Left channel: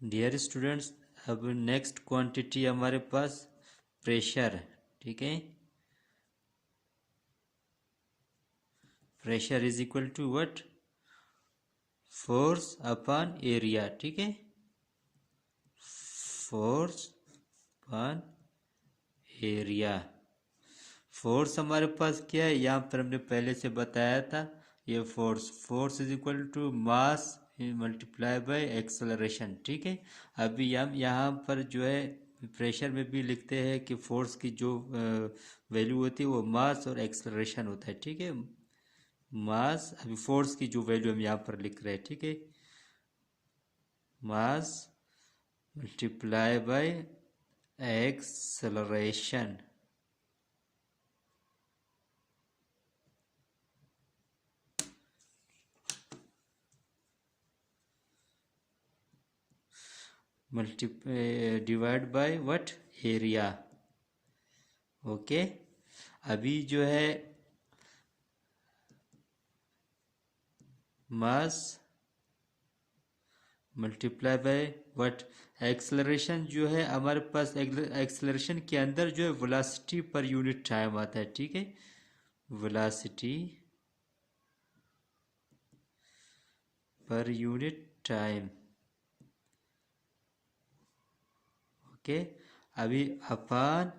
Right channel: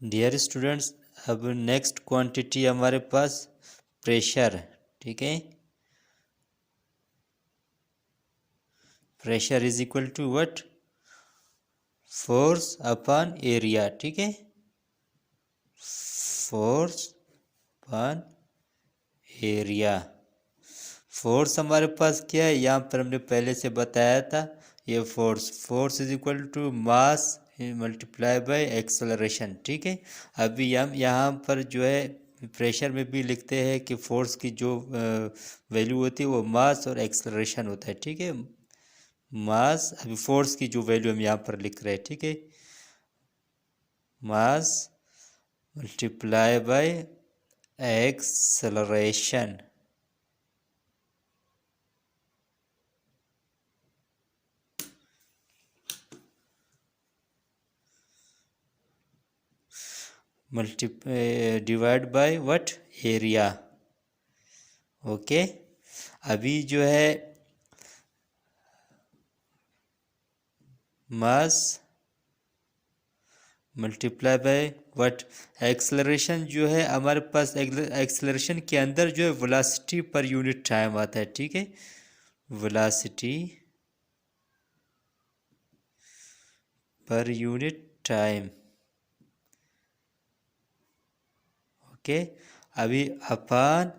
Dear students, अब next quantity हमारे पास प्रेशर। ठीक है, pressure is equal to what? Force upon area. ठीक है, फोर्स अपॉन एरिया। फोर्स हमारे पास क्या है, यहाँ पर हमने पहले से बताया था। ये force is equal to mass multiply by acceleration. ठीक है, अभी हम यहाँ पर जो है प्रेशर में भी लिखते हैं कि फोर्स की जो वैल्यू होती है वो मास और एक्सेलरेशन होता है। ठीक है, मास, अभी फोर्स की जो वैल्यू हम यहाँ पर लिख रहे हैं। ठीक है, मास multiply by acceleration. Divide by what? Area. Okay, अभी जो है मास मल्टीप्लाई बाय व्हाट? एक्सेलरेशन जो है हमारे पास, एक्सेलरेशन के अंदर जो है वेलोसिटी पर यूनिट टाइम आता है। ठीक है, velocity per unit time. Okay, अभी अपान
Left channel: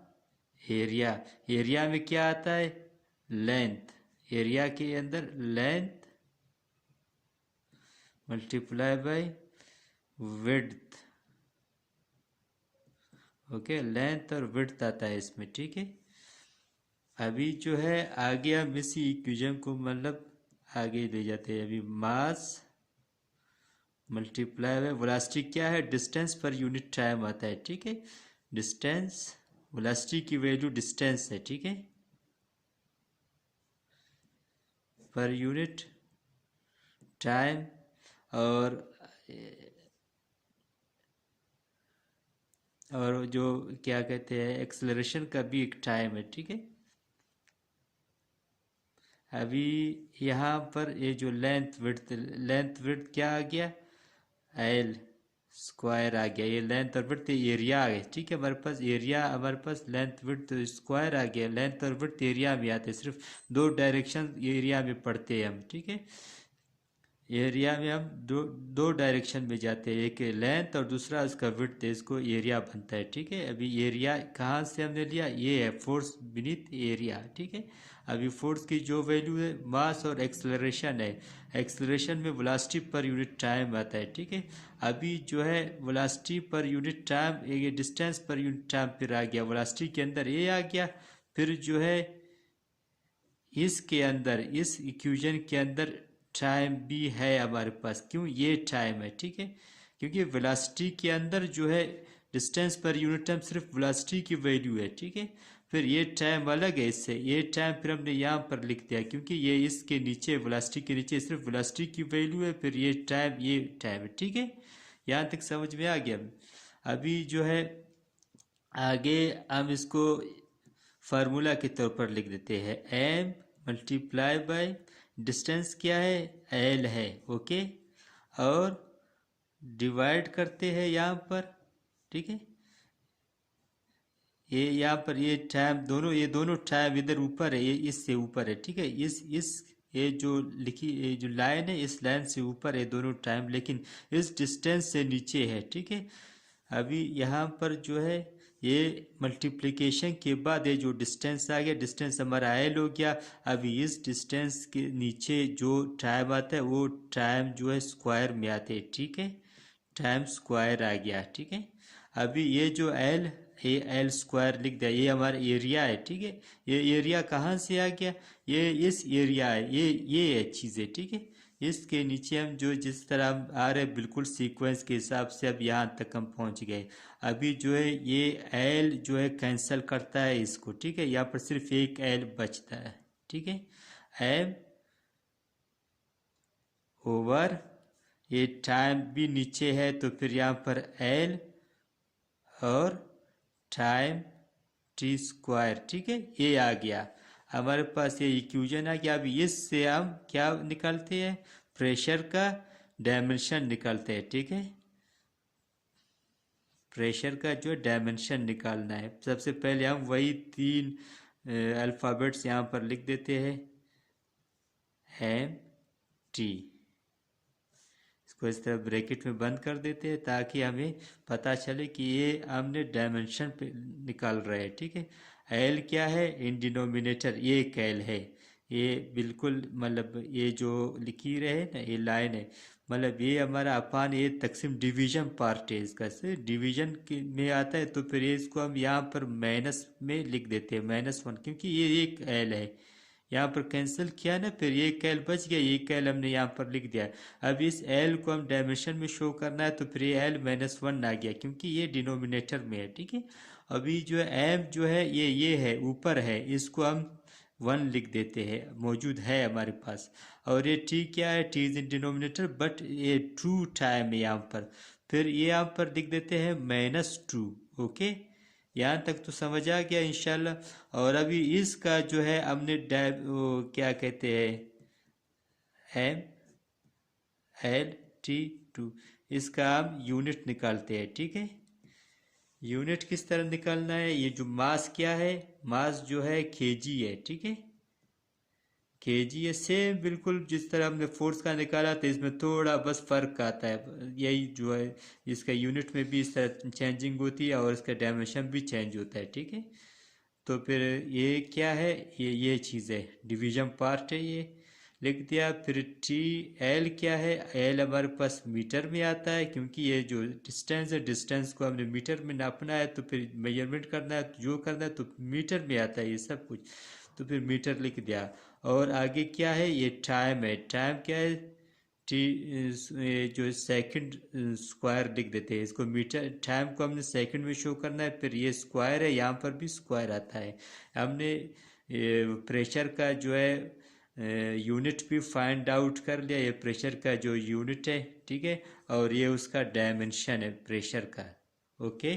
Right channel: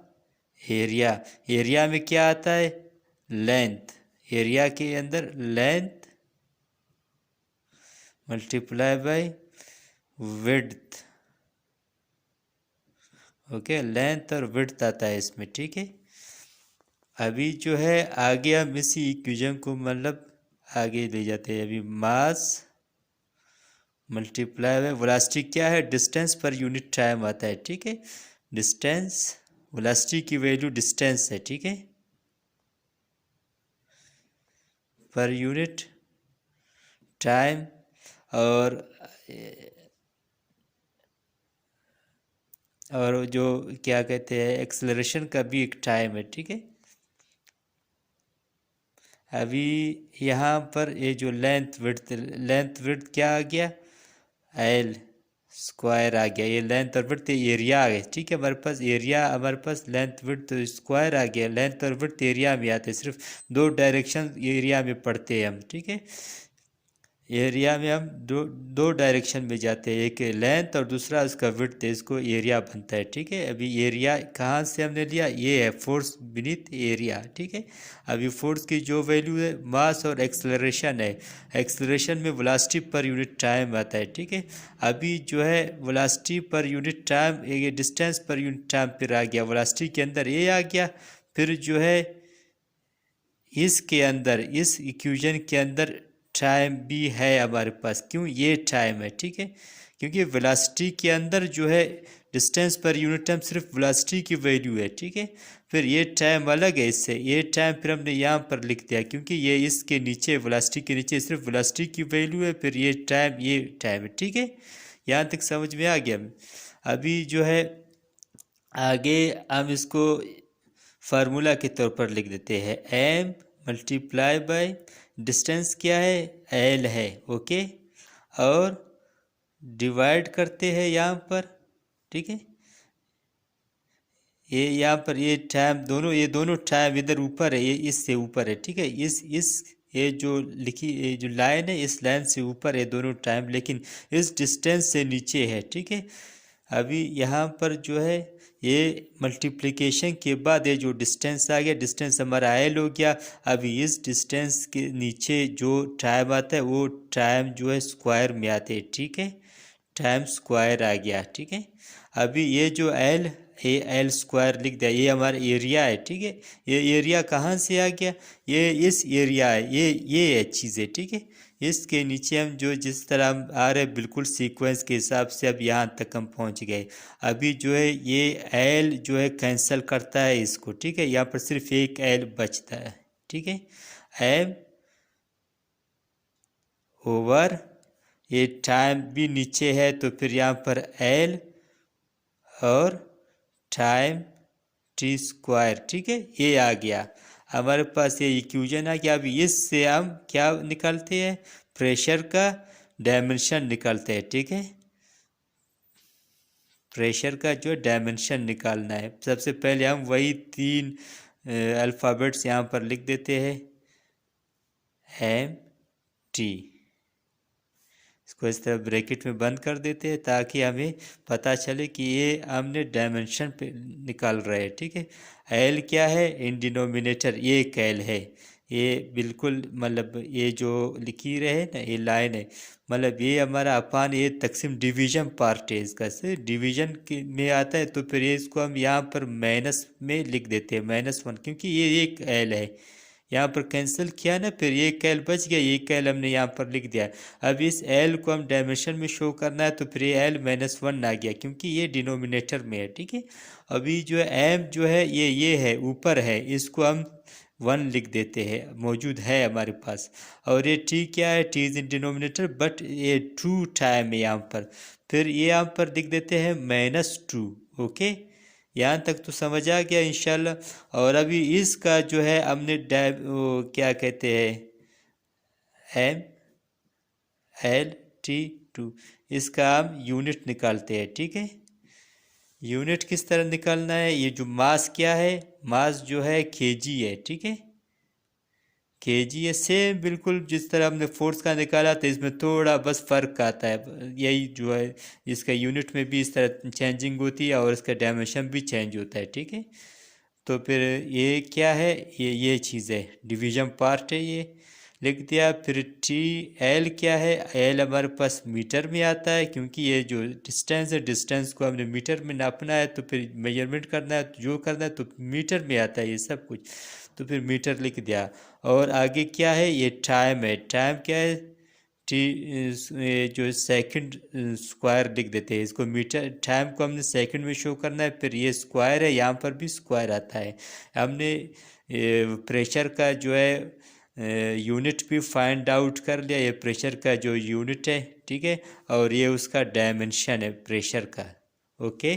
एरिया। एरिया में क्या आता है? लेंथ। एरिया के अंदर length multiply by width. Okay, length और विड्थ आता है इसमें। ठीक है, अभी जो है आगे हम इसी इक्वेशन को मतलब आगे ले जाते हैं। अभी मास मल्टीप्लाई बाय वेलोसिटी क्या है? डिस्टेंस पर यूनिट टाइम आता है। ठीक है, डिस्टेंस, वेलोसिटी की वैल्यू डिस्टेंस है। ठीक है, पर यूनिट टाइम। और जो क्या कहते हैं, एक्सेलरेशन का भी एक टाइम है। ठीक है, अभी यहाँ पर ये जो लेंथ विड्थ क्या आ गया? एल स्क्वायर आ गया। ये लेंथ और विड्थ एरिया आ गया। ठीक है, हमारे पास एरिया, हमारे पास लेंथ विड्थ स्क्वायर आ गया। लेंथ और विड्थ एरिया में आते हैं, सिर्फ दो डायरेक्शन एरिया में पढ़ते हैं हम। ठीक है, एरिया में हम दो दो डायरेक्शन में जाते हैं, एक लेंथ और दूसरा उसका विड्थ है, इसको एरिया बनता है। ठीक है, अभी एरिया कहाँ से हमने लिया? ये है फोर्स बीनीथ एरिया। ठीक है, अभी फोर्स की जो वैल्यू है मास और एक्सेलरेशन है। एक्सेलरेशन में वेलोसिटी पर यूनिट टाइम आता है। ठीक है, अभी जो है वेलोसिटी पर यूनिट टाइम, ये डिस्टेंस पर यूनिट टाइम फिर आ गया, वेलोसिटी के अंदर ये आ गया। फिर जो है इसके अंदर, इस इक्वेशन के अंदर टाइम भी है हमारे पास। क्यों ये टाइम है? ठीक है, क्योंकि वेलोसिटी के अंदर जो है डिस्टेंस पर यूनिट टाइम सिर्फ वेलोसिटी की वैल्यू है। ठीक है, फिर ये टाइम अलग है इससे। ये टाइम फिर हमने यहाँ पर लिख दिया क्योंकि ये इसके नीचे, वेलोसिटी के नीचे सिर्फ वेलोसिटी की वैल्यू है। फिर ये टाइम है। ठीक है, यहाँ तक समझ में आ गया। अभी जो है आगे हम इसको फार्मूला के तौर पर लिख देते हैं। एम मल्टीप्लाई बाय डिस्टेंस क्या है? एल है। ओके, और डिवाइड करते हैं यहाँ पर। ठीक है, ये यहाँ पर ये टाइम दोनों, ये दोनों टाइम इधर ऊपर है, ये इससे ऊपर है। ठीक है, इस ये जो लिखी, ये जो लाइन है इस लाइन से ऊपर है दोनों टाइम, लेकिन इस डिस्टेंस से नीचे है। ठीक है, अभी यहाँ पर जो है ये मल्टीप्लिकेशन के बाद ये जो डिस्टेंस आ गया, डिस्टेंस हमारा एल हो गया। अभी इस डिस्टेंस के नीचे जो टाइम आता है वो टाइम जो है स्क्वायर में आते हैं। ठीक है, टाइम स्क्वायर आ गया। ठीक है, अभी ये जो एल स्क्वायर लिख दिया, ये हमारा एरिया है। ठीक है, ये एरिया कहाँ से आ गया? ये इस एरिया है, ये चीज़ है। ठीक है, इसके नीचे हम जो जिस तरह हम आ रहे बिल्कुल सीक्वेंस के हिसाब से अब यहाँ तक हम पहुँच गए। अभी जो है ये एल जो है कैंसिल करता है इसको। ठीक है, यहाँ पर सिर्फ एक एल बचता है। ठीक है, एम ओवर, ये टाइम भी नीचे है तो फिर यहाँ पर एल और टाइम टी स्क्वायर। ठीक है, ये आ गया हमारे पास, ये इक्वेशन आ गया। अभी इससे हम क्या निकालते हैं? प्रेशर का डायमेंशन निकालते हैं। ठीक है, प्रेशर का जो डायमेंशन निकालना है। सबसे पहले हम वही 3 अल्फ़ाबेट्स यहाँ पर लिख देते हैं, एम टी। इसको इस तरह ब्रैकेट में बंद कर देते हैं ताकि हमें पता चले कि ये हमने डायमेंशन पे निकाल रहे हैं, ठीक है। एल क्या है, इन डिनोमिनेटर ये एक एल है, ये बिल्कुल मतलब ये जो लिखी रहे ना ये लाइन है, मतलब ये हमारा अपान ये तकसीम डिवीजन पार्ट है इसका, से डिवीजन में आता है, तो फिर ये इसको हम यहाँ पर माइनस में लिख देते हैं, -1, क्योंकि ये एक एल है। यहाँ पर कैंसिल किया ना, फिर ये कैल बच गया, ये कैल हमने यहाँ पर लिख दिया। अब इस एल को हम डायमेंशन में शो करना है, तो फिर ये एल -1 आ गया क्योंकि ये डिनोमिनेटर में है, ठीक है। अभी जो एम जो है ये है ऊपर है, इसको हम 1 लिख देते हैं, मौजूद है हमारे पास। और ये टी क्या है, T is in denominator but ये 2 टाइम है यहाँ पर, फिर ये यहाँ पर लिख देते हैं -2। ओके, यहाँ तक तो समझ आ गया इंशाल्लाह। और अभी इसका जो है हमने क्या कहते हैं, एम एल टी 2, इसका हम यूनिट निकालते हैं, ठीक है। यूनिट किस तरह निकालना है, ये जो मास क्या है, मास जो है केजी है, ठीक है। केजी है, सेम बिल्कुल जिस तरह हमने फोर्स का निकाला था, इसमें थोड़ा बस फ़र्क आता है, यही जो है इसका यूनिट में भी इस तरह चेंजिंग होती है और इसका डायमेंशन भी चेंज होता है, ठीक है। तो फिर ये क्या है, ये चीज़ है, डिवीजन पार्ट है, ये लिख दिया। फिर टी एल क्या है, एल हमारे पास मीटर में आता है, क्योंकि ये जो डिस्टेंस है, डिस्टेंस को हमने मीटर में नापना है, तो फिर मेजरमेंट करना है, तो जो करना है तो मीटर में आता है ये सब कुछ, तो फिर मीटर लिख दिया। और आगे क्या है, ये टाइम है, टाइम क्या है, टी जो सेकंड स्क्वायर लिख देते हैं इसको, मीटर टाइम को हमने सेकंड में शो करना है, फिर ये स्क्वायर है, यहाँ पर भी स्क्वायर आता है। हमने प्रेशर का जो है यूनिट भी फाइंड आउट कर लिया, ये प्रेशर का जो यूनिट है, ठीक है, और ये उसका डायमेंशन है प्रेशर का। ओके।